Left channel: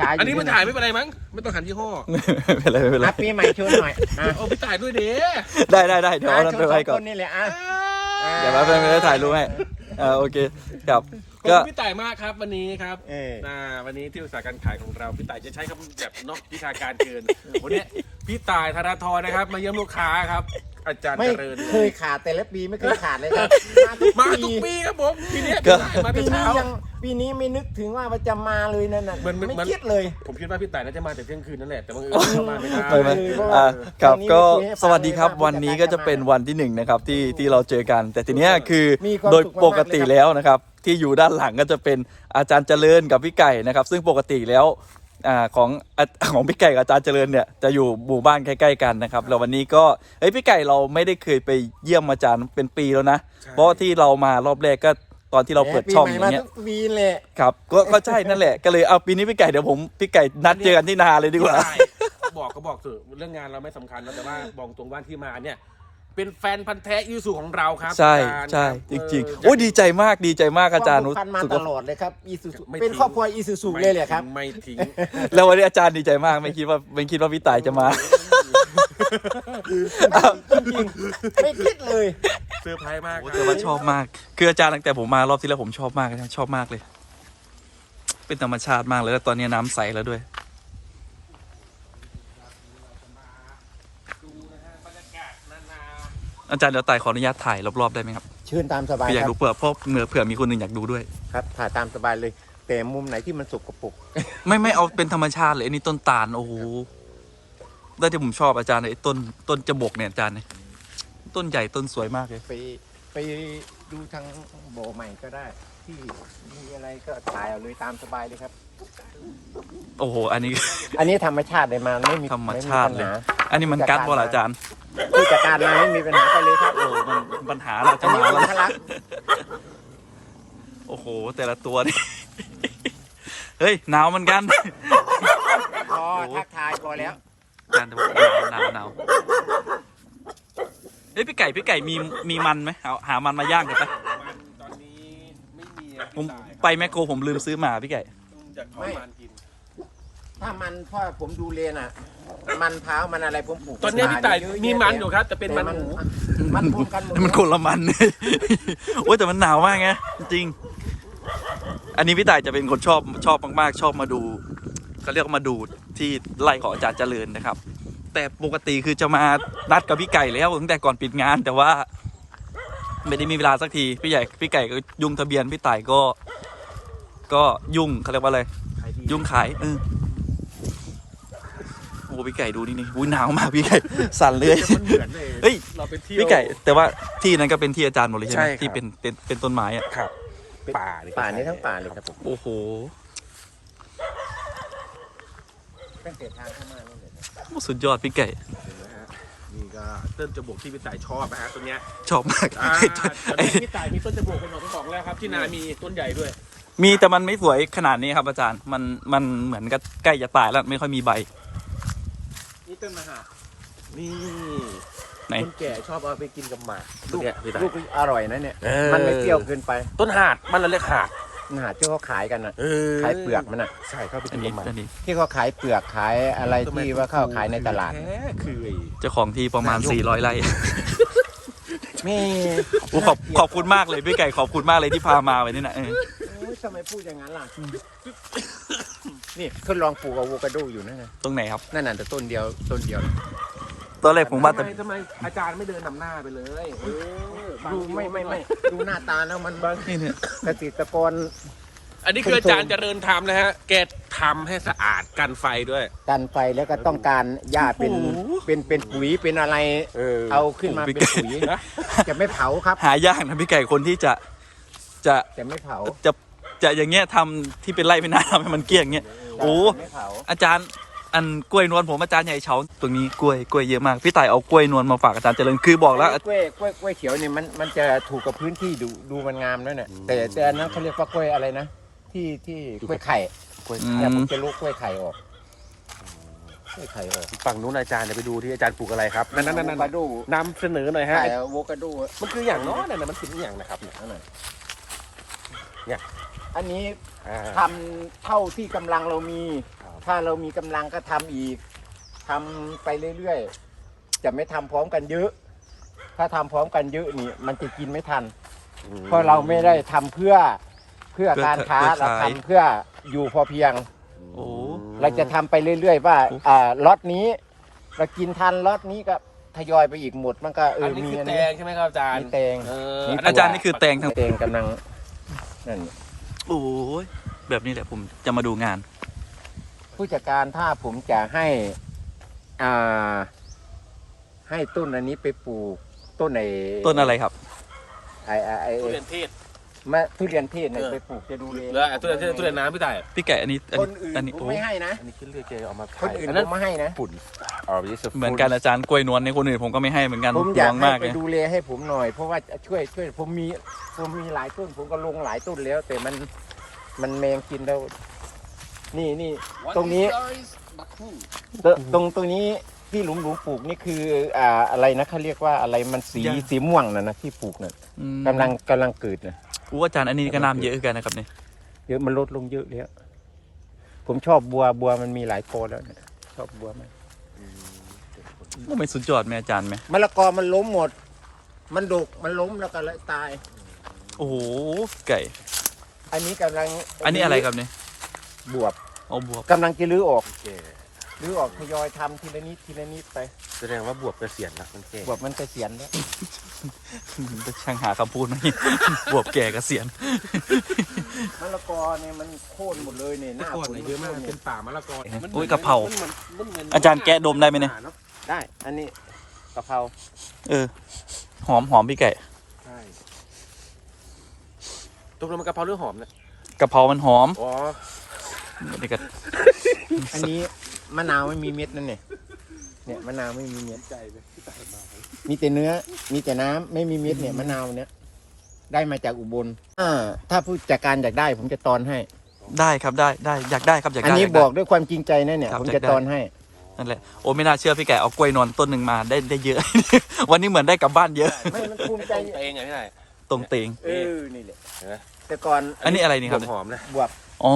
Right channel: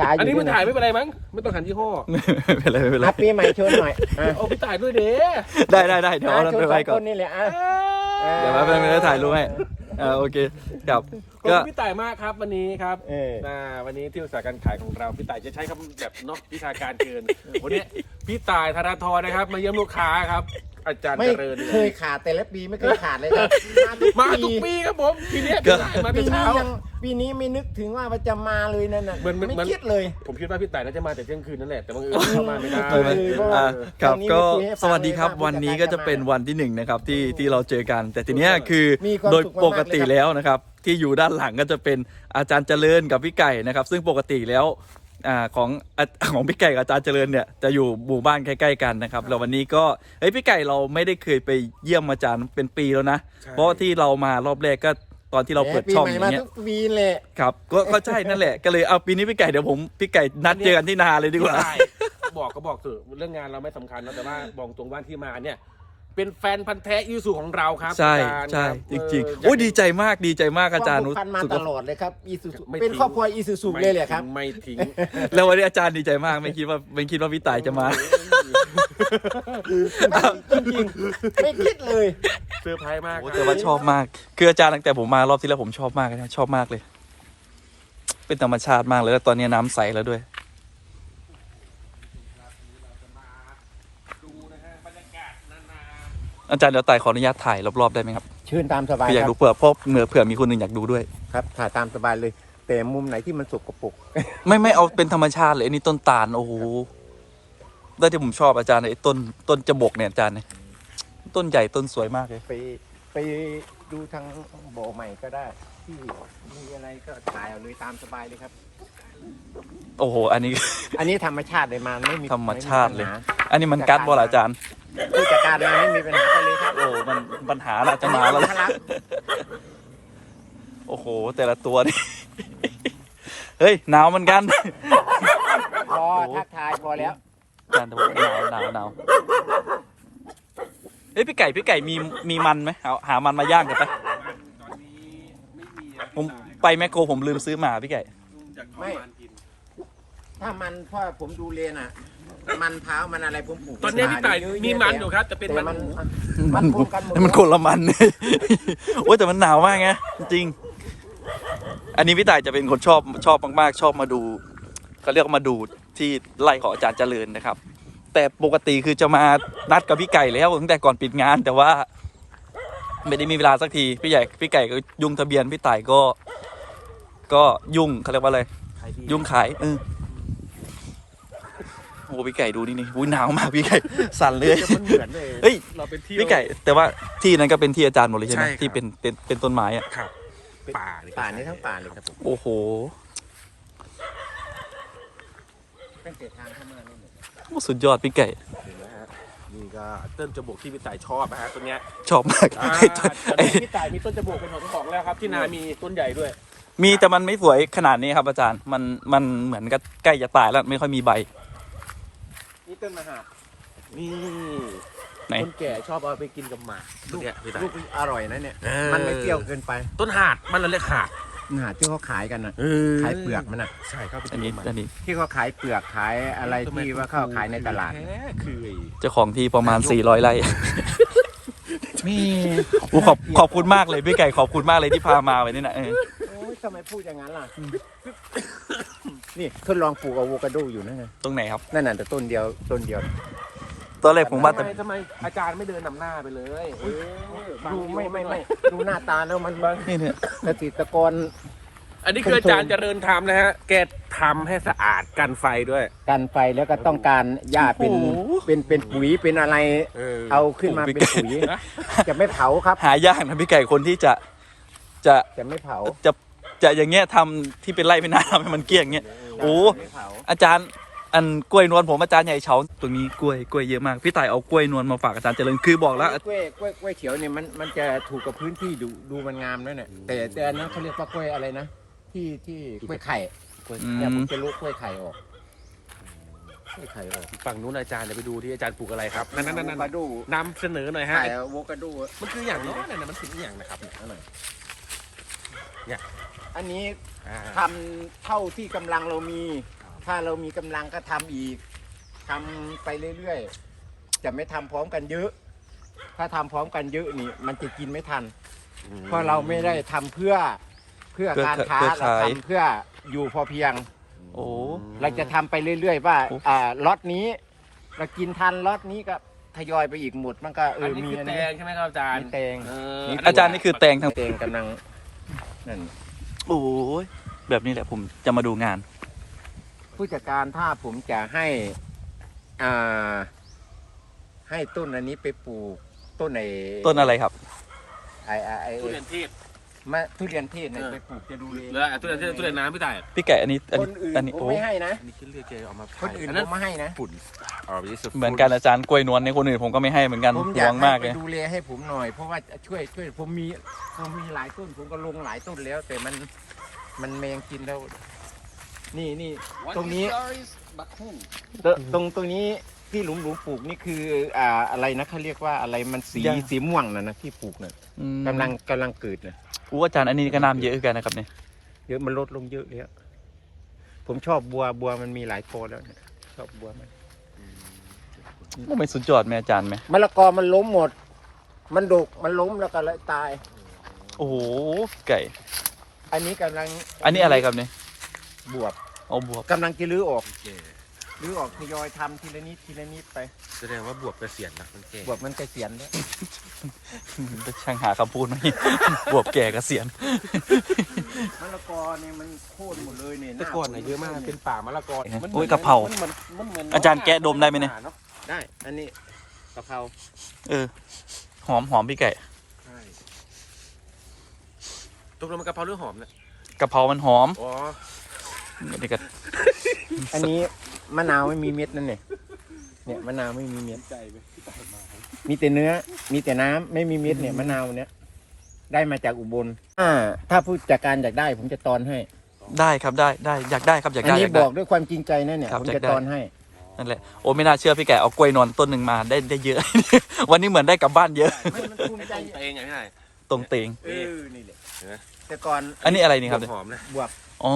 ฉาอยู่อันนี้ไม่ด้วยะถ่ายไม่เป็นไรมั้ง ไม่ต้องหันยี่ห้อไม่เป็นไรไม่เป็นไรอะปีใหม่โชว์หน่อยอะเอาพี่ถ่ายด้วยเด้ได้ได้ได้เดี๋ยวเอานั้นไปไว้ก่อน โชสงคนี่แหละอะเดี๋ยวแป๊บนึงไม่ได้ถ่ายรูปให้อ่าโอเคครับขอบก็ คุณพี่ต่ายมากครับวันนี้ครับเอออ่าวันนี้ที่อุตสาหการขายของเราพี่ต่ายจะใช้คำแบบเนาะวิชาการเกินวันนี้พี่ต่ายธนาธรนะครับ มาเยี่ยมลูกค้าครับ อาจารย์ไม่เจริญเคยขาดแต่ละปีไม่เคยขาดเลยครับมาทุกปีครับผมปีนี้ก็มาปีแต่นี้เช้า ยังปีนี้ไม่นึกถึงว่าจะมาเลยนั่นน่ะเหมือนเหมือน ไม่เหมือนคิดเลย ผมคิดว่าพี่ต่ายน่าจะมาแต่เที่ยงคืนนั่นแหละแต่บังเอิญเข้ามาไม่ได้ไม่ไม่เพราะว่าอ่าครับวันนี้ก็มีให้ฟังสวัสดีครับเลยว่าวันนี้ผู้ก็จัดการจะเป็นวันที่หนึ่งนะครับที่ที่เราเจอกัน แต่ทีเนี้ยคือมีความโดยสุขมากๆปกติแล้วนะครับ ที่อยู่ด้านหลังก็จะเป็นอาจารย์เจริญกับพี่ไก่นะครับ ซึ่งปกติแล้วอ่า ของอะของพี่ไก่กับอาจารย์เจริญเนี่ยจะอยู่หมู่บ้านใกล้ๆกันนะครับแล้ววันนี้ก็เฮ้ยพี่ไก่เราไม่ได้เคยไปเยี่ยมอาจารย์เป็นปีแล้วนะ เพราะว่าที่เรามารอบแรกก็ตอนที่เราเปิดช่องอย่างเงี้ยปีใหม่มาทุกปีเลยครับก็ก็ใช่นั่นแหละก็เลยเอาปีนี้พี่ไก่เดี๋ยวผมพี่ไก่นัดเจอกันที่นาเลยดีกว่าได้บอกก็บอกเถอะเรื่องงานเราไม่สำคัญนะแต่ว่าบอกตรงว่าที่มาเนี่ย เป็นแฟนพันธ์แท้ยูสุของเราครับใช่อาจารย์ใช่คบจริงเๆโอ้ยดีใจมากดีใจมากอาจารย์ควมผูกพันมารู้สึกตว่าลอดเลยครับอีซูซูไม่เป็นทิ้งครอบครัวอีซูซูเลยเลยครับ ไม่ทิ้งแล้ววันนี้อาจารย์ดีใจมากไม่คิดว่าไม่คิดว่าพี่ต่ายจะมาไม่คิดเลยเซอร์ไพรส์มากโอ้แต่ว่าชอบมาก คืออาจารย์ตั้งแต่ผมมารอบที่แล้วผมชอบมากนะชอบมากเลย เป็นธรรมชาติมากเลยแล้วตอนนี้น้ำใสแล้วด้วย ดูนะฮะบรรยากาศนานา อาจารย์เดี๋ยวต่ายขออนุญาตถ่ายรอบๆได้ไหมครับเชิญตามสบายคืออยากคดูรับเผื่อเพราะเผื่อเผื่อมีคนหนึ่งอยากดูด้วยครับถ่ายตามสบายเลย แต่มุมไหนที่มันสกปรกไม่ไม่เอาเป็นธรรมชาติเลยอันนี้ต้นตาลโอ้โหได้ที่ผมชอบอาจารย์ไอ้ต้นต้นจบกเนี่ยอาจารย์เนี่ยต้นใหญ่ต้นสวยมากเลยไปไปดูทางบ่อใหม่ก็ได้ ที่มีอะไรก็ถ่ายเอาเลยตามสบายเลยครับ โอ้โห อันนี้ อันนี้ธรรมชาติเลยมาไม่มีธรรมชาติเลยไปัญหอันนี้มันกัดบอลอาจารย์ ผู้จัดการเลยไม่มีปัญหาไปเลยครับ โอ้มันปัญหาเราจะมาแล้วทะลัก โอ้โห แต่ละตัวนี่ เฮ้ย หนาวเหมือนกัน พอทักทายพอแล้วอาจารย์แต่ผมหนาวหนาวหนาวเอ้ยพี่ไก่พี่ไก่มีมีมันไหมเอาหามันมาย่างกันไปตอนนี้ไม่มีอะผมไปแมคโครผมลืมซื้อมาพี่ไก่ จากทำงานกิน ถ้ามันพ่อผมดูเลนอะ มันเท้าวมันอะไรผมปลูกตอนนี้พี่ต่ายมีมันอยู่ครับแต่เป็นแต่มัมันนมัมันนพูดกันหมด มันคนละมัน โอ้ยแต่มันหนาวมากไงจริงๆอันนี้พี่ต่ายจะเป็นคนชอบชอบมากๆ ชอบมาดูเขาเรียกว่ามาดูที่ไร่ของอาจารย์เจริญนะครับ แต่ปกติคือจะมานัดกับพี่ไก่แล้วตั้งแต่ก่อนปิดงาน แต่ว่า ไม่ได้มีเวลาสักทีพี่ใหญ่พี่ไก่ก็ยุ่งทะเบียนพี่ต่ายก็ ก็ยุ่งเขาเรียกว่าอะไร ยุ่งขายเออ โอ้พี่ไก่ดูนี่นี่อุ้ยหนาวมากพี่ไก่สั่นเลยมันเหมือนเลยเฮ้ย เราเป็นเที่ยว พี่ไก่แต่ว่าที่นั้นก็เป็นที่อาจารย์หมดเลยใช่ไหมใช่ครับ ที่เป็นเป็นเป็นต้นไม้อะครับ ป่าเลยป่านี้ทั้งป่าเลยครับผมโอ้โหตั้งแต่ทางเข้ามานี่เลยสุดยอดพี่ไก่เห็นไหมฮะนี่ก็ต้นจมูกที่พี่ต่ายชอบนะฮะตัวเนี้ยชอบมากอ่าไอ้ต้นตอนไอ้นี้พี่ต่ายมีต้นจมูกเป็นของของแล้วครับ ที่นามีต้นใหญ่ด้วย มีแต่มันไม่สวยขนาดนี้ครับอาจารย์มันมันเหมือนกับใกล้จะตายแล้วไม่ค่อยมีใบ นี่ต้นมะฮะนี่ไหน คนแก่ชอบเอาไปกินกับหมากลูกเนี่ยนี่ลูกอร่อยนะเนี่ย เออ มันไม่เปรี้ยวเกินไปต้นหาดมันเราเรียกหาดนี่หาที่เขาขายกันอะ เออขายเปลือกมันอะ ใช่เข้าไปอักินนนี้กับหมากอันนี้ที่เขาขายเปลือกขายอะไรที่ว่าเข้าขายในตลาด แท้คือไอ้เจ้าของที่ประมาณ 400ไร่นี่โอ้ขอบขอบคุณมากเลยพี่ไก่ขอบคุณมากเลยที่พามาไว้นี่นะเออทำไมพูดอย่างนั้นล่ะ นี่ทดลองปลูกอะโวคาโดอยู่นั่นไงตรงไหนครับนั่นน่ะแต่ต้นเดียวต้นเดียวตอนแรกผมว่าทำแต่ไมทำไมอาจารย์ไม่เดินนำหน้าไปเลยเออดูไม่ไม่ไม่ดูหน้าตาแล้วมันนี่เนี่ยเกษตรกรอันนี้คืออาจารย์เจริญทำนะฮะ แกทำให้สะอาดกันไฟด้วย กันไฟแล้วก็ต้องการหญ้าเป็นเป็นเป็นปุ๋ยเป็นอะไร เออ เอาขึ้นมาโอ้เป็นพี่ไก่ปุ๋ยจะไม่เผาครับ หายากนะพี่ไก่คนที่จะจะจะไม่เผาจะ จะอย่างเงี้ยทำที่เป็นไร่เป็นนาทำให้มันเกลี้ยงอย่างเงี้ยโอ้ไม่เผาอาจารย์อันกล้วยนวลผมอาจารย์ใหญ่เฉาตรงนี้กล้วยกล้วยเยอะมากพี่ต่ายเอากล้วยนวลมาฝากอาจารย์เจริญคือบอกแล้วกล้วยกล้วยกล้วยเขียวเนี่ยมันมันจะถูกกับพื้นที่ดูดูมันงามด้วยเนี่ยแต่แต่อันนั้นเขาเรียกว่ากล้วยอะไรนะที่ที่กล้วยไข่อืเนี่ยมัมนจะลูกกล้วยไข่ออกกล้วยไข่ออกฝั่งนู้นอาจารย์เดี๋ยวไปดูที่อาจารย์ปลูกอะไรครับนั่นนั่นนั่นมาดูนำเสนอหน่อยฮะไข่อะโวคาโดมันคืออย่างน้อยนะมันคืออย่างนะครับเนี่ยอันไหนเนี่ย อันนี้อ่า ทำเท่าที่กำลังเรามีถ้าเรามีกำลังก็ทำอีกทำไปเรื่อยๆ จะไม่ทำพร้อมกันเยอะ ถ้าทำพร้อมกันเยอะนี่มันจะกินไม่ทันเพราะเราไม่ได้ทำเพื่อเพื่อเพื่อการค้าเพื่อเราขาย ทำเพื่ออยู่พอเพียง โอ้ เราจะทำไปเรื่อยๆว่าโอ้ อ่าล็อตนี้ เรากินทันล็อตนี้ก็ทยอยไปอีกหมดมันก็เออัอนนี้มีคืออันแตนี้งใช่ไหมครับอาจารย์มีแตง เออนี่อาจารย์นี่คือแตงทั้ง แตงกำลังนั่น โอ้ยแบบนี้แหละผมจะมาดูงาน ผู้จัดการถ้าผมจะให้อ่าให้ต้นอันนี้ไปปลูกต้นไอ้ต้นอะไรครับ ไอ้ไอ้ไอ้ทุเรียนเทศ มะทุเรียนเทศเนี่ยเออไปปลูกจะดูเลยแล้วทุเรียนเทศทุเรียนน้ำพี่ต่ายพี่ไก่อันนี้อันคนี้นอื่นอันนี้ผมโอ้ไม่ให้นะ อันนี้คิดเรียกเจเอามาคนอื่นผมไม่ให้นะปุ่นเอาไปสิเหมือนกันอาจารย์กล้วยนวลในคนอื่นผมก็ไม่ให้เหมือนกันผมหอยาวกงให้มากไปเลย ดูแลให้ผมหน่อย เพราะว่าช่วยช่วยผมมีผมมีหลายต้นผมก็ลงหลายต้นแล้ว แต่มันมันแมงกินแล้ว นี่นี่ ตรงนี้ ตรงตรงตัวนี้ที่หลุมหลุมปลูกนี่คืออ่าอะไรนะเขาเรียกว่าอะไรมันสีสีม่วงนะนะที่ปลูกน่ะอืมกำลังกำลังเกิดนะ อู้อาจารย์อันนี้ก็น้ำเยอะกันนะครับเนี่ยเยอะมันลดลงเยอะแล้วผมชอบบัวบัวมันมีหลายโกอแล้วเนี่ยชอบบัวมากว่าไม่สุดยอดไหมอาจารย์ไหมมะละกอมันล้มหมด มันดกมันล้มแล้วก็เลยตาย โอ้โหไก่ อันนี้กำลังอันนี้อะไรครับเนี่ยบวบเอาบวบกำลังจะรื้อออกรื้อออกทยอยทำทีละนิดทีละนิดไปแสดงว่าบวบจะเสียงนะมันเก่งบวบมันจะเสียนแล้วจะ ช่างหาคำพูดไหมบวบแก่เกษียณมะละกอเนี่ยมันโค่นหมดเลยเนี่ยหแต่น้าก่อนนะเยอะมากเป็นป่ามะละกอโอ้ยกะเพรามันหมือนมันเหมือนอาจารย์แกะดมได้ไหมเนี่ยได้ อันนี้กะเพราเออ หอมหอมพี่ไก่ใช่ตกลงมันกะเพราหรือหอมเนี่ยกะเพรามันหอมอ๋อนี่ก็อันนี้มะนาวไม่มีเม็ดนั่นเนี่ยเนี่ยมะนาวไม่มีเม็ดใจไห มมีแต่เนื้อ มีแต่น้ำไม่มีเม็ดเนี่ยมะนาวเนี่ยได้มาจากอุบลอ่าถ้าผู้จัดการอยากได้ ผมจะตอนให้ ได้ครับได้ได้อยากได้ครับอยากอันได้นี้อยากบได้ อกด้วยความจริงใจนะเนี่ย ครับผมอยาจะกได้ ตอนให้ นั่นแหละโอ้ไม่น่าเชื่อพี่ไก่เอากล้วยนอนต้นหนึ่งมาได้ได้เยอะ วันนี้เหมือนได้กลับบ้านเยอะไม่มันภูมิใจเองไงพี่ไหนตรงเตงเออนี่แหละนะแต่ก่อนอันนี้อะไรนี่ครับเนี่ยหอมนะบวบอ๋อ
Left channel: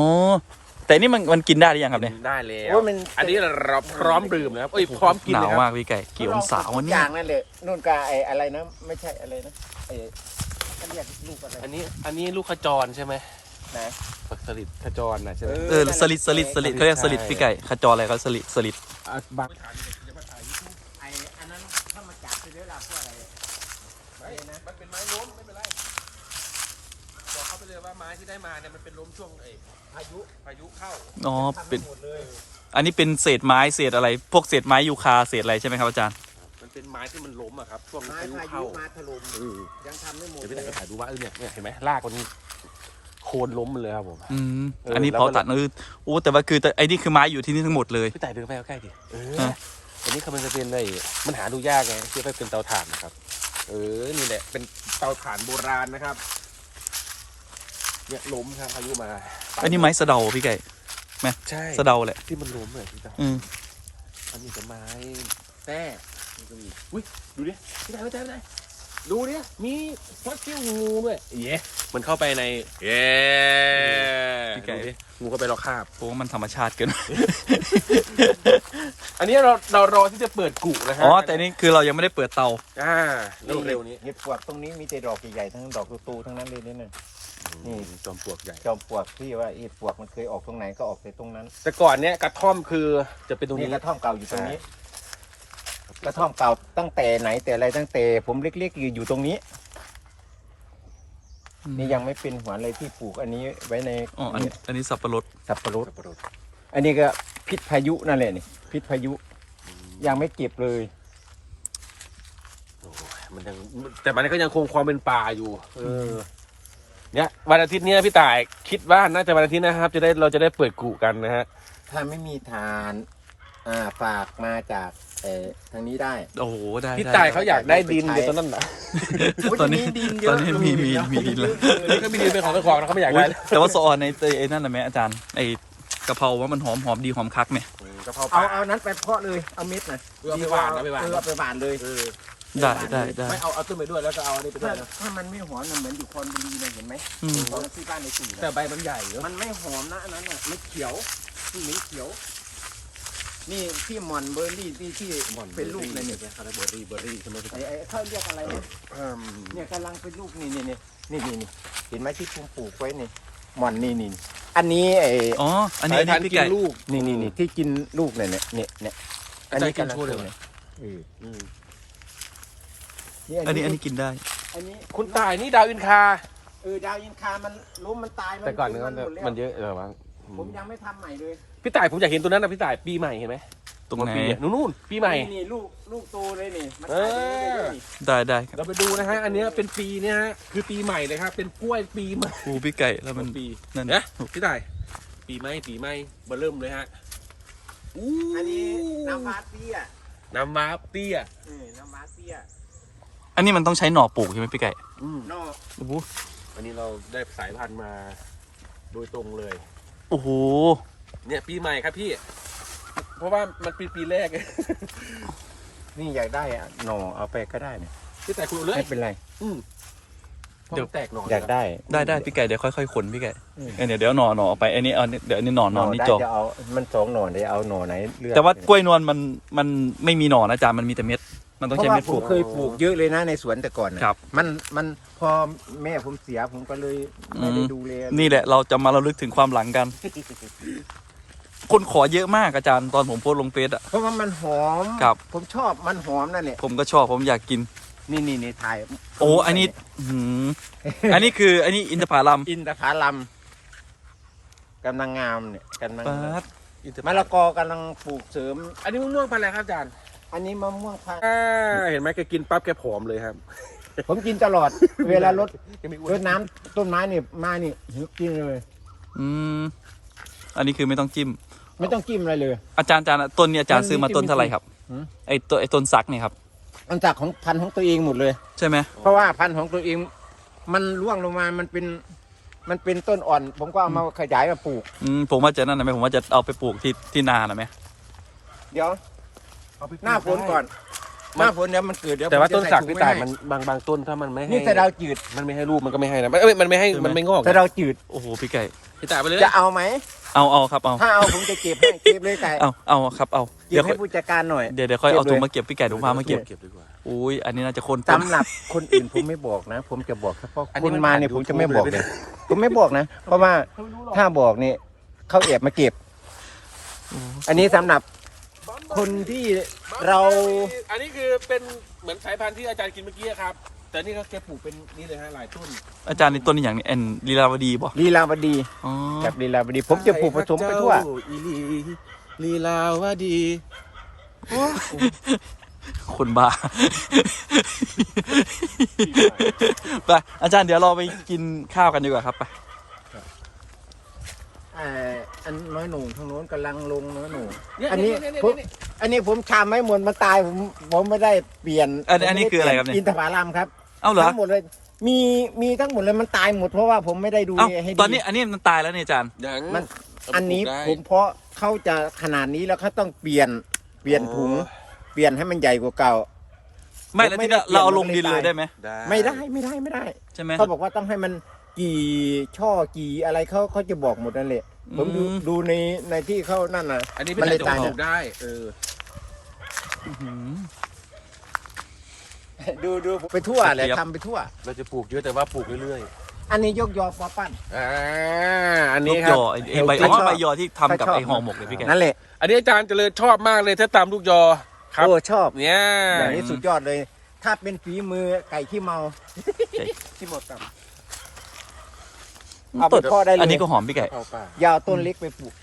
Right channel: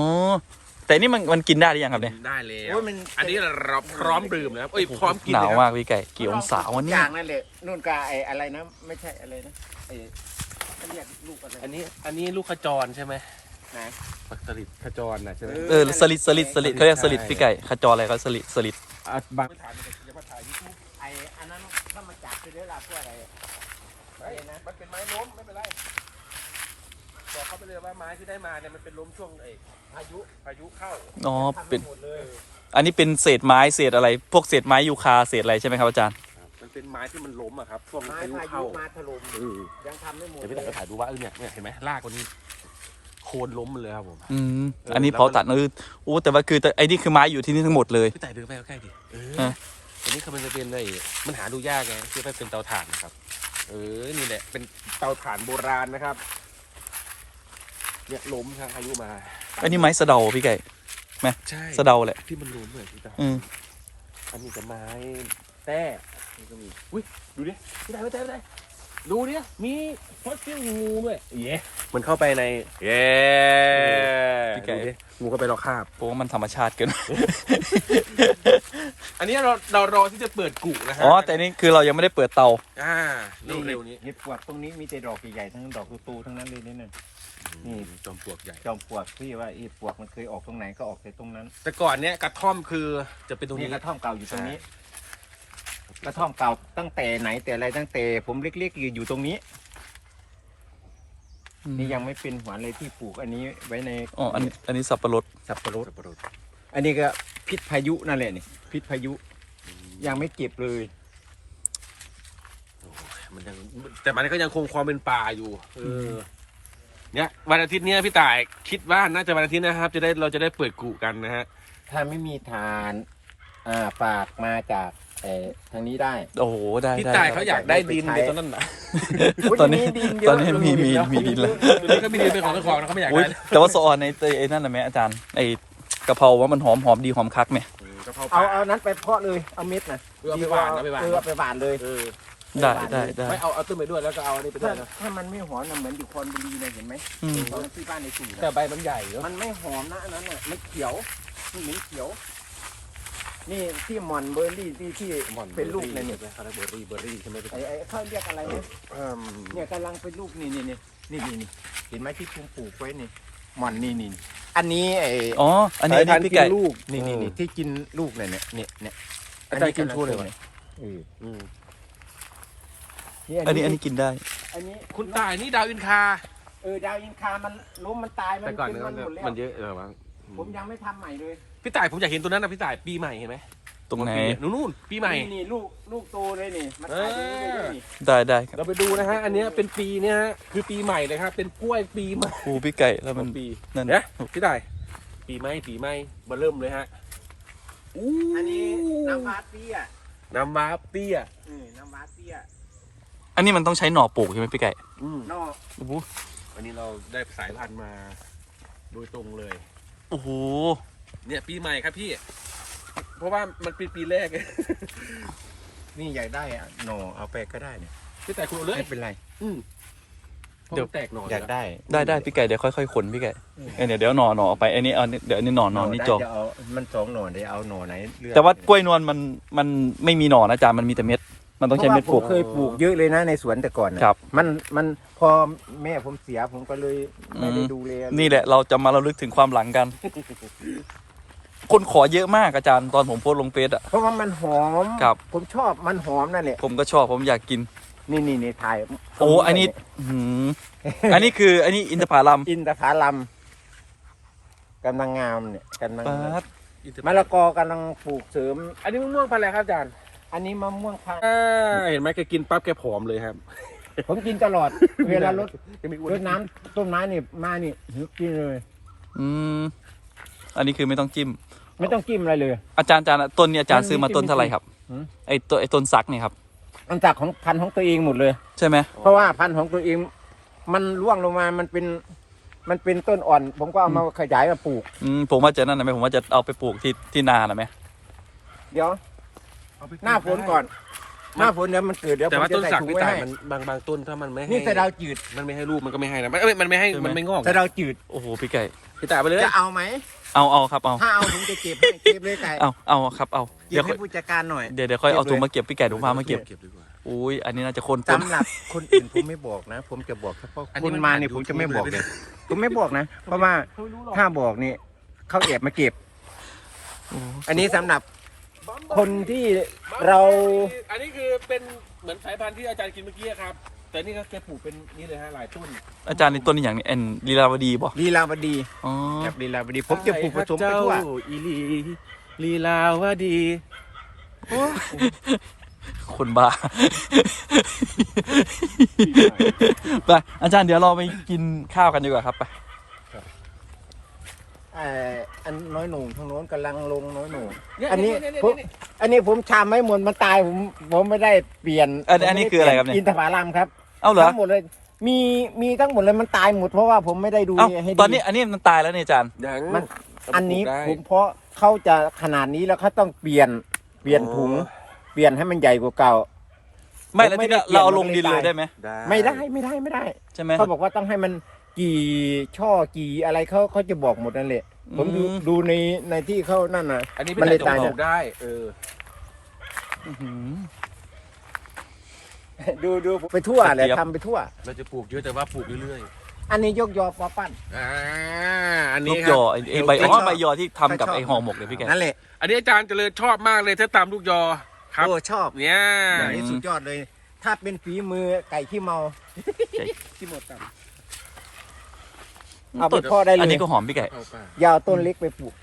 แต่นี่มันมันกินได้หรือยังครับเนี่ยได้แล้วโอ้ยมัน อันนี้เราพร้อมดื่มนะครับเอ้ยพร้อมกินหนาวนะครับมากพี่ไก่กี่องศาวันนี้จางนั่นแหละนู่นก็ไอ้อะไรนะไม่ใช่อะไรนะไอ้เขาเรียกลูกอะไรอันนี้อันนี้ลูกขจรใช่ไหมไหนสลิดขจรนะใช่ไหมเออสลิดสลิดสลิดเขาเรียกสลิดพี่ไก่ขจรอะไรเขาสลิดสลิด อะบาง ไอ้อันนั้นถ้ามาจากที่เวลาเพื่ออะไรอะอะไรนะ มันเป็นไม้ล้มไม่เป็นไรบอกเขาไปเลยว่าไม้ ที่ได้มาเนี่ยมันเป็นล้มช่วงไอ้พายุพายุเข้าอ๋อเป็นอันนี้เป็นเศษไม้เศษอะไร พวกเศษไม้ยูคาเศษอะไรใช่ไหมครับอาจารย์ มันเป็นไม้ที่มันล้มอะครับช่วงไม้พายุพายุเข้ามาถล่มเออยังทำไม่หมดเดี๋ยวเลพี่ยแต่ก็ถ่ายดูว่าเออเนี่ยเนี่ยเห็นไหมรากมันโคนล้มมันเลยครับผม อืม เอออันนี้แล้วเผาตัดเออโอ้แต่ว่าคือแต่ไอ้นี่คือไม้อยู่ที่นี่ทั้งหมดเลย พี่แต่เดินไปใกล้ๆดิเออฮะ อันนี้คือมันจะเป็นไอ้มันหาดูยากนะที่ไปเป็นเตาถ่านนะครับ เออ นี่แหละ เป็นเตาถ่านโบราณนะครับ เนี่ยล้มครับพายุมาอันนี้ไม้สะเดาพี่ไก่ใช่สะเดาแหละที่มันล้มเลยพี่ต่ออืมมันมีแต่ไม้แต้มันก็มีอุ้ยดูดิพี่ต่ไม่ได้ไม่ได้ดูดิมีฟอสซิลงูด้วยเย้มันเข้าไปในเย้พี่ไก่ดูดิงูก็ไปรอคาบเพราะว่ามันธรรมชาติเกินอันนี้ เราเรารอที่จะเปิดกุนะครัอ๋อแต่นี่คือเรายังไม่ได้เปิดเตา อ่านี่เร็วๆนี้เห็ดปวกตรงนี้มีแต่ดอกใหญ่ๆทั้งดอกตูๆทั้งนั้นเลยเนี่ยนะอืมจอมปลวกใหญ่จอมปลวกที่ว่าเห็ดปวกมันเคยออกตรงไหนก็ออกแต่ตรงนั้น แต่ก่อนเนี้ยกระท่อมคือจะเป็นตรงนี่นี้กระท่อมเก่าอยู่ตรงนี้ กระท่อมเก่าตั้งแต่ไหนแต่อะไรตั้งแต่ ผมเล็กๆอยู่อยู่ตรงนี้นี่ยังไม่เป็นหัวเลยที่ปลูกอันนี้ไว้ในอ๋ออันนี้อันนี้สับปะรดสับปะรดสับปะรด อันนี้ก็พิษพายุนั่นแหละนี่พิษพายุ ยังไม่เก็บเลยโอ้ยมันยังแต่มันก็ยังคงความเป็นป่าอยู่ เออ เนี่ยวันอาทิตย์เนี้ยพี่ต่ายคิดว่าน่าจะวันอาทิตย์นะครับ จะได้เราจะได้เปิดกุกันนะฮะ ถ้าไม่มีฐาน อ่าฝากมาจากเออทางนี้ได้ โอ้โห ได้พี่ได้ต่ายเขาอยากได้ดินเดี๋ยวตอนนั้นนะ ตอนนี้ ตอนนี้มีมีมีดินแล้วตอนนี้ก็มีดินเป็นของเจ้าของนะเขาไม่อยากอุ้ยได้แต่ว่าสะออนในไอ้นั่นนะแม่อาจารย์ไอ้กะเพราว่ามันหอมหอมดีหอมคักไหม กะเพราเอาเอานั้นไปเพาะเลยเอาเม็ดน่ะเอาไปหวานเอาไปหวาน เออเอาไปหวานเลยเออได้ได้ได้ไม่เอาเอาต้นไปด้วยแล้วก็เอาอันนี้ไปด้วยนะถ้ามันไม่หอมนะเหมือนอยู่คอนบุรีเลยเห็นไหมอืมของที่บ้านในตู่แต่นะใบมันใหญ่เยอะมันไม่หอมนะอันนั้นน่ะไม่เขียวที่เหมือนเขียว นี่ที่หมอนเบอร์รี่ที่ที่เป็นลูกเลยเนี่ยคาราเบอรี่เบอร์รี่ใช่ไหมพี่ไอ้ไอ้เขาเรียกอะไรเนี่ยอืมเนี่ยกำลังเป็นลูกนี่นี่นี่นี่นี่นี่เห็นไหมที่ผมปลูกไว้นี่ห มอนนี่นี่อันนี้ไอ้อ๋อ อันนี้อันนี้พี่ไก่ ลูกนี่นี่นี่ที่กินลูกเนี่ยเนี่ยเนี่ยเนี่ยอันนี้กำลังอาจารย์กินชูเลยโตเหรอเนี่ยเอออืมอันนี้อันนี้กินได้ อันนี้คุณตายนี่ดาวอินคาเออดาวอินคามันล้มมันตายมันแต่ก่อนเป็เนี่ยมัมันนหมดแล้วมันเยอะเออมั้งผมยังไม่ทำใหม่เลยพี่ต่ายผมอยากเห็นตัวนั้นนะพี่ต่ายปีใหม่เห็นไหมต รงไหนปีเยนู่นๆปีใหม่นี่นี่ลูกลูกโตเลยนี่มันเออตายไปเรื่อยๆนี่ได้ได้ครับเราไปดูนะฮะ อันเนี้ยเป็นปีเนี่ยฮะ คือปีใหม่เลยฮะ เป็นกล้วยปีใหม่อูพี่ไก่แล้วมันปีนั่นเนี่ยพี่ต่าย ปีใหม่ปีใหม่มาเริ่มเลยฮะอู้อันนี้น้ำว้าเตี้ยน้ำว้าเตี้ยนี่น้ำว้าเตี้ย อันนี้มันต้องใช้หน่อปลูกใช่ไหมพี่ไก่อืมนอกโอ้โหอันนี้เราได้สายพันธุ์มา โดยตรงเลย โอ้โห เนี่ยปีใหม่ครับพี่ เพราะว่ามันปีปีแรกนี่อยากได้อะหน่อเอาไปก็ได้นี่พี่ต่ายคุณเอาเลยไม่เป็นไรอืมเดี๋ยวแตกหน่อยอยากได้ได้ได้พี่ไก่เดี๋ยวค่อยๆขนพี่ไก่อืมเออเดี๋ยวเดี๋ยวหน่อหน่อเอาไปอันนี้เอาเดี๋ยวอันนี้หน่อหน่อนี่จองได้จะเอา มันสองหน่อเดี๋ยวเอาหน่อไหนเลือกแต่ว่ากล้วยนวลมันมันไม่มีหน่อนะอาจารย์มันมีแต่เม็ด มันต้องใช้เม็ดพปราะลูว่ากผมเคยปลูกเยอะเลยนะในสวนแต่ก่อนน่ะครับ มันมันพอแม่ผมเสียผมก็เลยไม่ได้อืมดูแลนี่แหละเราจะมาระลึกถึงความหลังกัน คนขอเยอะมากอาจารย์ตอนผมโพสต์ลงเฟซอะเพราะว่ามันหอมครับ ผมชอบมันหอมนั่นแหละผมก็ชอบผมอยากกิน นี่นี่นี่ถ่ายโอ้อันนี้อื้อหืออันนี้คืออันนี้อินทผลัมอินทผลัมกำลังงามเนี่ยกำลังปาดมะละกอกำลังปลูกเสริม อันนี้มะม่วงพันธุ์อะไรครับอาจารย์อันนี้มะม่วงพันธุ์เห็นไหมแกกินปั๊บแกผอมเลยครับ ผมกินตลอด เวลารดรดน้ำต้นไม้นี่มานี่กินเลย อืมอันนี้คือไม่ต้องจิ้ม ไม่ต้องจิ้มอะไรเลย อาจารย์อาจารย์ต้นนี้อาจารย์ซื้อมาต้นเท่าไหร่ครับหืม ไอตัวไอต้นซักเนี่ยครับ มันจากของพันธุ์ของตัวเองหมดเลย ใช่ไหมเพราะว่าพันธุ์ของตัวเอง มันร่วงลงมา มันเป็น มันเป็นต้นอ่อน ผมก็เอามาขยายมาปลูก อืมผมว่าจะนั่นนะไหมผมว่าจะเอาไปปลูกที่ที่นานะไหมเดี๋ยว หน้าฝนก่อน หน้าฝนเดี๋ยวมันเกิดเดี๋ยวแต่ว่าผมต้จะนสักใถุงพี่ไว้ต่ายให้มันบางบางต้นถ้ามันไม่ให้นี่สะเดาวจืดมันไม่ให้รูปมันก็ไม่ให้นะเอ้ยมันไม่ให้มันไม่งอกสะเดาวจืดโอ้โหพี่ไก่พี่ต่ายไปเลยจะเอาไหมเอาเอาครับเอาถ้าเอาผมจะเก็บให้เก็บเลยไก่เอาเอาครับเอาเก็เดี๋ยบวค่ให้อยผู้จัดการหน่อยเดี๋ยวเดี๋ยวค่อยเอาถุงมาเก็บพี่ไก่ถุงพามาเก็บเก็บดีกว่าอุ้ยอันนี้น่าจะโคนต้นสำหรับคนอื่นผมไม่บอกนะ ผมจะบอกเฉพาะอันนี้คุณมันมาเนี่ยผ่านผมจะไม่ YouTube บอกเลยเลยผมไม่บอกนะ เพราะว่าเขาไม่รู้หรอกถ้าบอกนี่เขาแอบมาเก็บ อันนี้สำหรับ คนที่เราอันนี้คือเป็นเหมือนสายพันธุ์ที่อาจารย์กินเมื่อกี้ครับ แต่นี่ก็แกปลูกเป็นนี่เลยฮะหลายต้นอาจารย์ในต้นนี้อย่างนี้เอ็นลีลาวดีบ่ลีลาวดีอ๋อจากลีลาวดีผมจะปลูกผสมไปทั่วเจ้าอีลีลีลาวดีคนบ้าไปอาจารย์เดี๋ยวเราไปกินข้าวกันดีกว่าครับไป เอ่ออันน้อยหนุ่มทางโน้นกำลังลงน้อยหนุ่มเนี่ยอันนี้เยเยผมเนี่ย อันนี้ผมชามไม่หมดมันตายผมผมไม่ได้เปลี่ยนอันอันนี้คืออะไรครับเนี่ย อินทผลัมครับเอ้าเหรอทั้งหมดเลยมีมีทั้งหมดเลยมันตายหมดเพราะว่าผมไม่ได้ดูเอ้าแลให้ดี ตอนนี้อันนี้มันตายแล้วเนี่ยอาจารย์ ยังมันเาไปอันนี้ปลูกได้ผมเพราะเขาจะขนาดนี้แล้วเขาต้องเปลี่ยนเปลี่ยนถุง เปลี่ยนให้มันใหญ่กว่าเก่า ไม่แล้วที่เราเอาลงดินเลยได้ไหมไม่ได้ไม่ได้ไม่ได้ ใช่ไหมเขาบอกว่าต้องให้มัน กี่ช่อกี่อะไรเขาเขาจะบอกหมดนั่นแหละ ผมดูอืม ดูในในที่เขานั่นน่ะ อันนี้มัเป็นนเลยตายตายปลูกได้ เออ อื้อหือ ดูดูไปทั่วกระเลยเจี๊ยบ ทำไปทั่ว เราจะปลูกเยอะแต่ว่าปลูกเรื่อยอันนี้ยกยอปอปั้น ๆ อ่า อันลูนี้กคยรับอไอ้ไอ้ใบอ๋อใบยอที่ทำกับใครชอบไอ้ห่อหมกเลยพี่แก นั่นแหละอันนี้อาจารย์เจริญชอบมากเลยถ้าตามลูกยอ ครับ โอ้ชอบเนี่ยอย่างนี้สุดยอดเลย ถ้าเป็นฝีมือไก่ขี้เมา ไก่ที่หมดตับ เอาไปต้นทอดได้เลย อันนี้ก็หอมพี่ไก่ เอาป่ะยาวต้นเล็กไปปลูก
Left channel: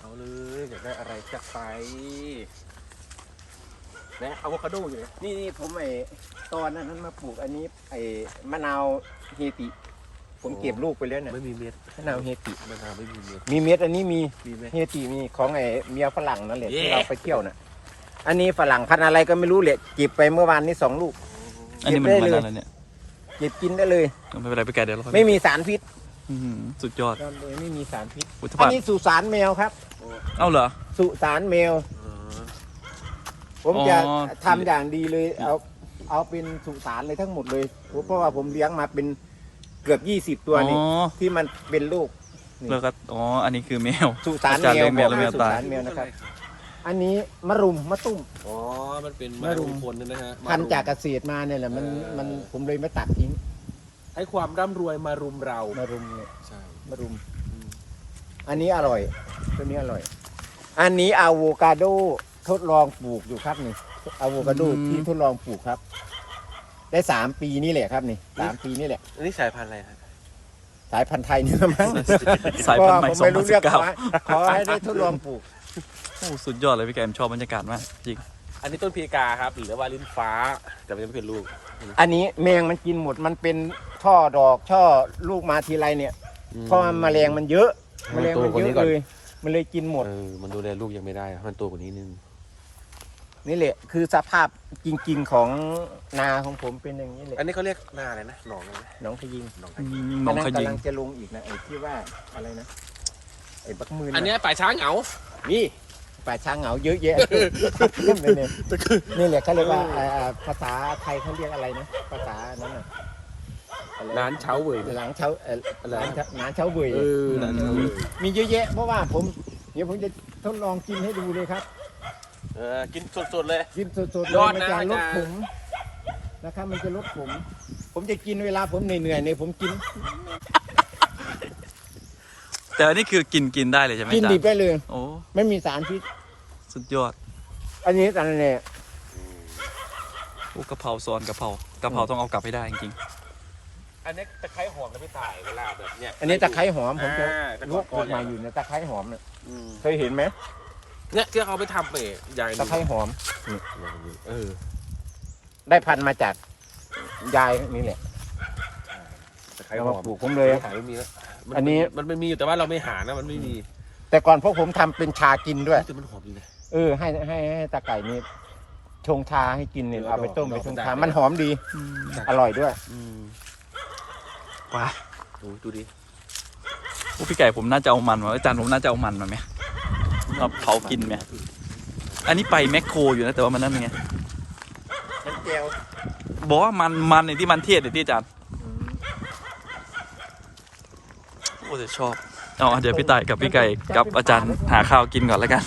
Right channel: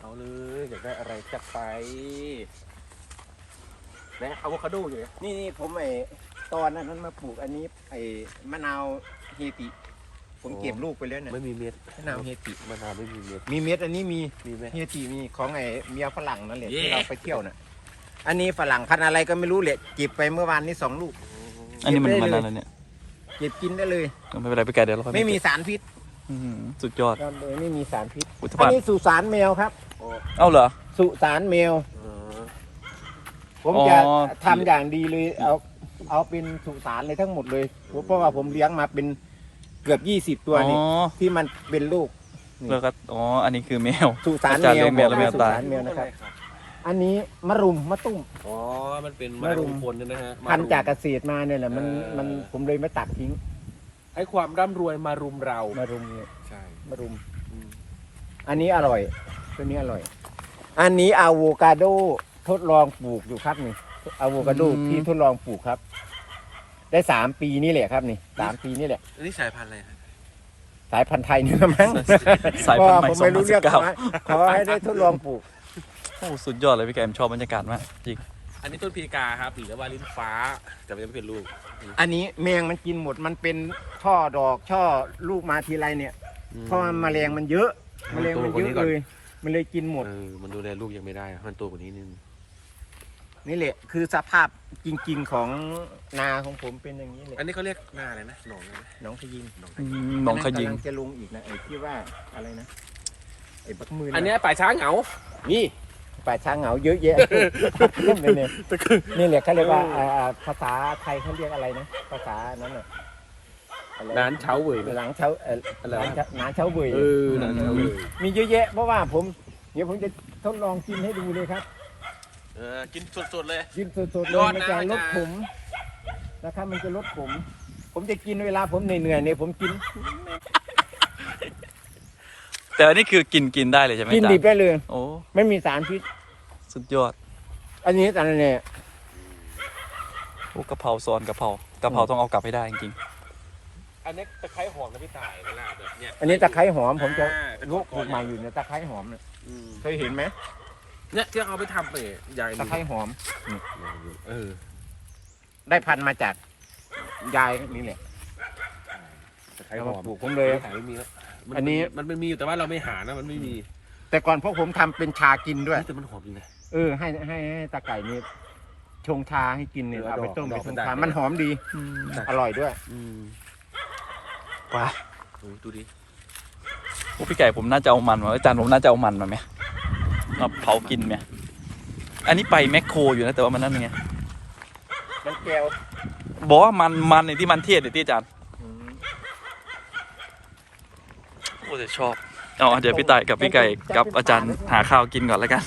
เอาเลยอยากได้อะไรจัดไปและอะโวคาโดอยู่เนี่ยนี่นี่ผมไอ้ตอนนั้นมาปลูกอันนี้ไอ้มะนาวเฮติ ผมเก็บลูกไปแล้วเนี่ยไม่มีเม็ดมะนาวเฮติ มะนาวไม่มีเม็ดมีเม็ดอันนี้มีมีไหม เฮติมีของไอ้เมียฝรั่งนั่นแหละเย้ที่เราไปเที่ยวน่ะอันนี้ฝรั่งพันธุ์อะไรก็ไม่รู้แหละจิบไปเมื่อวานนี้สองลูก อันนี้มันเก็บได้มันเลย อะไรเนี่ยจิบกินได้เลย ไม่เป็นไรพี่ไก่เดี๋ยวเราค่อยไม่มีสารพิษ อื้อหือสุดยอดครับเลยไม่มีสารพิษอุทอัพานนนี้สุสานแมวครับ เอ้าเหรอ สุสานแมวเออผมจะอ๋อ ทำอย่างดีเลย เอาเอาเป็นสุสานเลยทั้งหมดเลยเพราะว่าผมเลี้ยงมาเป็นเกือบยี่สิบตัวอ๋อนี่ที่มันเป็นลูกแล้วก็อ๋อ อันนี้คือแมว สุสานอาจารย์เลี้ยงแมวแล้วแมวตาย สุสนแมวนะครับอันนี้มะรุมมะตุ้ม อ๋อ มันเป็นมะรุมคนนะฮะพันธุ์จากเกษตรมาเนี่ยแหละมันเออมันผมเลยมาตัดทิ้ง ให้ความร่ำรวยมารุมเรา มารุมเนี่ยใช่ มารุมอืมอันนี้อร่อยตัวนี้อร่อย อันนี้อะโวคาโดทดลองปลูกอยู่ครับนี่อะโวคาโดอืม ที่ทดลองปลูกครับ ได้สามปีนี่แหละครับนี่สามปีนี่แหละ อันนี้สายพันธุ์อะไรครับสายพันธุ์ไทยนี่ละมั้งสายพันธุ์ใหม่เพราะว่าผมไรู้เรื่อง2019ขอให้ได้ทดลองปลูกโอ้ สุดยอดเลยพี่แกมชอบบรรยากาศมากจริง อันนี้ต้นพีกาครับหรือว่าลิ้นฟ้าแต่ไม่เป็นลูก อันนี้แมงมันกินหมดมันเป็น ช่อดอกช่อลูกมาทีไรเนี่ยเพราะว่าแมลงมันเยอะแมลงมันเยอะเลยมันเลยกินหมด เออมันดูแลลูกยังไม่ได้มันตัวกว่านี้นึงนี่แหละ คือสภาพจริงๆของนาของผมเป็นอย่างนี้แหละอันนี้เขาเรียกหน้าอะไรนะหนองอะไรนะหน้องขยิงหนองอืมหนองขยิงกำลังจะลงอีกนะไอ้ที่ว่าอะไรนะไอ้บักมืออันเนี้ยป่าช้าเหงานี่ป่าช้างเหงาเยอะแยะนี่เนี่ยนี่แหละเขาเรียกว่าอ่าอ่าภาษาไทยเขาเรียกอะไรนะภาษานั้นน่ะอะไรร้านเช้าเว่ย หลังเช้าเอ่ออะไรร้านเช้าร้านเช้าเบื่อเออร้านเช้าเว่ยมีเยอะแยะเพราะว่าผม เดี๋ยวผมจะทดลองกินให้ดูเลยครับ เออกินสดๆเลย กินสดๆเลยยอดนะ มันจะลดอาจารย์ขมนะครับ มันจะลดขมผมจะกินเวลาผมเหนื่อยๆเนี่ยผมกินแต่อันนี้คือกินกินได้เลยใช่ไหมกินอาจารดิบย์ได้เลย โอ้ ไม่มีสารพิษสุดยอดอันนี้อันนี้เนี่ยโอ้กะเพราซอนกะเพรากะเพราต้องเอากลับให้ได้จริง อันนี้ตะไคร้หอมนะพี่ต่ายเวลาแบบเนี้ยอันนี้ตะไคร้หอมผมจะอ่าเป็นลวกปลูกใหม่อยู่เนี่ยตะไคร้หอมเนี่ยอืมเคยเห็นไหมเนี่ยที่เอาไปทำไปใหญ่ตะไคร้หอม เออได้พันธุ์มาจากยายนี่แหละตะไคร้หอมปลูกผมเลย หาไม่มีแล้วมัอันนี้ มันไม่มีอยู่แต่ว่าเราไม่หานะมันไม่มีแต่ก่อนพวกผมทำเป็นชากินด้วย แต่มันหอมดีนะ เออให้ให้ให้ตาไก่นี่ชงชาให้กินเนี่ยเออเอาไปต้มดไปอกชงดอกชามันมันหอมดีๆอืมอร่อยด้วย อืม ว้าโอ้ดูดิโอ้พี่ไก่ผมน่าจะเอามันมาอาจารย์ผมน่าจะเอามันมาไหมมาเผากินไหมอันนี้ไปแมคโครอยู่นะแต่ว่ามันนั่นเป็นไงมันแก้วบอกว่ามันมันในที่มันเทศเดี๋ยวที่อาจารย์โอ้แต่ชอบเอาเดี๋ยวพี่ต่ายกับพี่ไก่กับอาจารย์หาข้าวกินก่อนแล้วกัน